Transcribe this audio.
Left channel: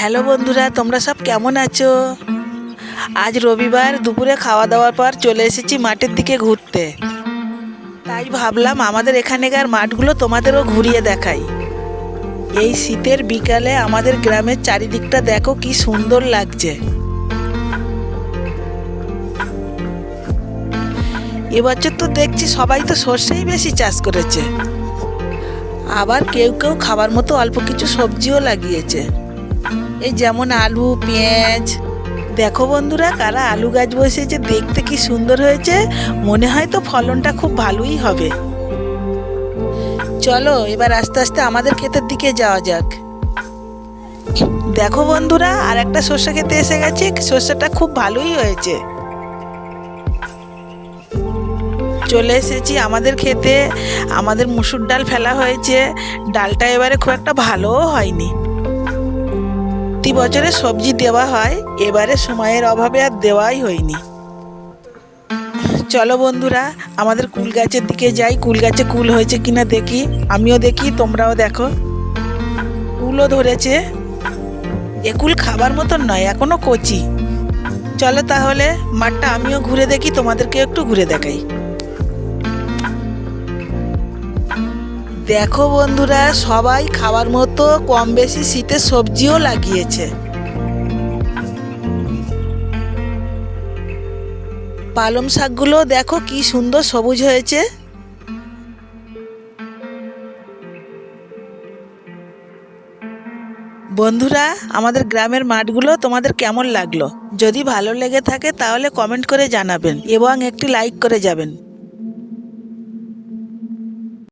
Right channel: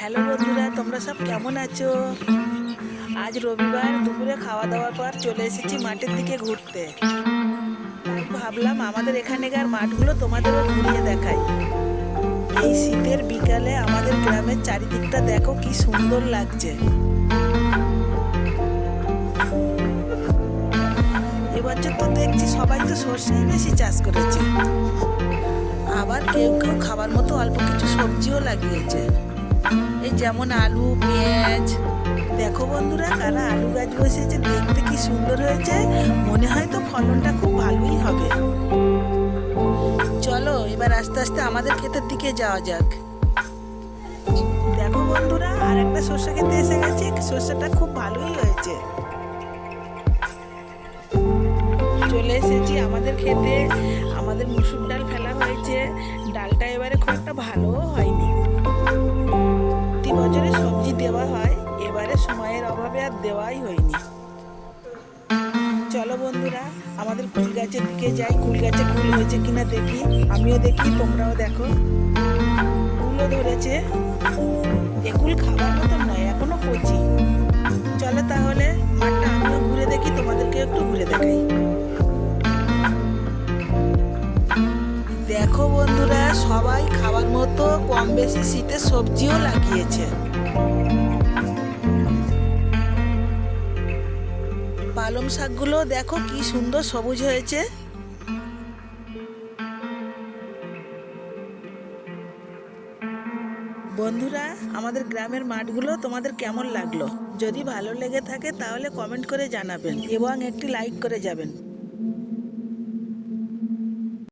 Hello বন্ধুরা, তোমরা সব কেমন আছো? আজ রবিবার দুপুরে খাওয়া দাওয়ার পর চলে এসেছি মাঠের দিকে ঘুরতে। তাই ভাবলাম আমাদের এখানেকার মাঠগুলো তোমাদেরও ঘুরিয়ে দেখাই। এই শীতের বিকালে আমাদের গ্রামের চারিদিকটা দেখো কি সুন্দর লাগছে। এবছর তো দেখছি সবাই তো সর্ষেই বেশি চাষ করেছে, আবার কেউ কেউ খাবার মতো অল্প কিছু সবজিও লাগিয়েছে, এই যেমন আলু, পেঁয়াজ। দেখো বন্ধুরা, কারা আলু গাছ বসিয়েছে, দেখতে কি সুন্দর হয়েছে। মনে হয় তো ফলনটা খুব ভালোই হবে। চলো এবার আস্তে আস্তে আমাদের ক্ষেতের দিকে যাওয়া যাক। দেখো বন্ধুরা, আর একটা সর্ষে খেতে এসে গেছি। সর্ষেটা খুব ভালোই হয়েছে। চলে এসেছি আমাদের ক্ষেতে। আমাদের মুসুর ডাল ফেলা হয়েছে। ডালটা এবারে খুব একটা ভালোও হয়নি। প্রতি বছরে সবজি দেওয়া হয়, এবারে সময়ের অভাবে আর দেওয়াই হয়নি। চলো বন্ধুরা, আমাদের কুল গাছের দিকে যাই। কুল গাছে কুল হয়েছে কিনা দেখি। আমিও দেখি, তোমরাও দেখো। কুলও ধরেছে। এ কুল খাবার মতন নয়, এখনো কচি। চলো তাহলে মাঠটা আমিও ঘুরে দেখি, তোমাদেরকে একটু ঘুরে দেখাই। দেখো বন্ধুরা, সবাই খাবার মতো কম বেশি শীতের সবজিও লাগিয়েছে। পালং শাকগুলো দেখো কি সুন্দর সবুজ হয়েছে। বন্ধুরা, আমাদের গ্রামের মাঠগুলো তোমাদের কেমন লাগলো? যদি ভালো লেগে থাকে তাহলে কমেন্ট করে জানাবেন এবং একটি লাইক করে যাবেন।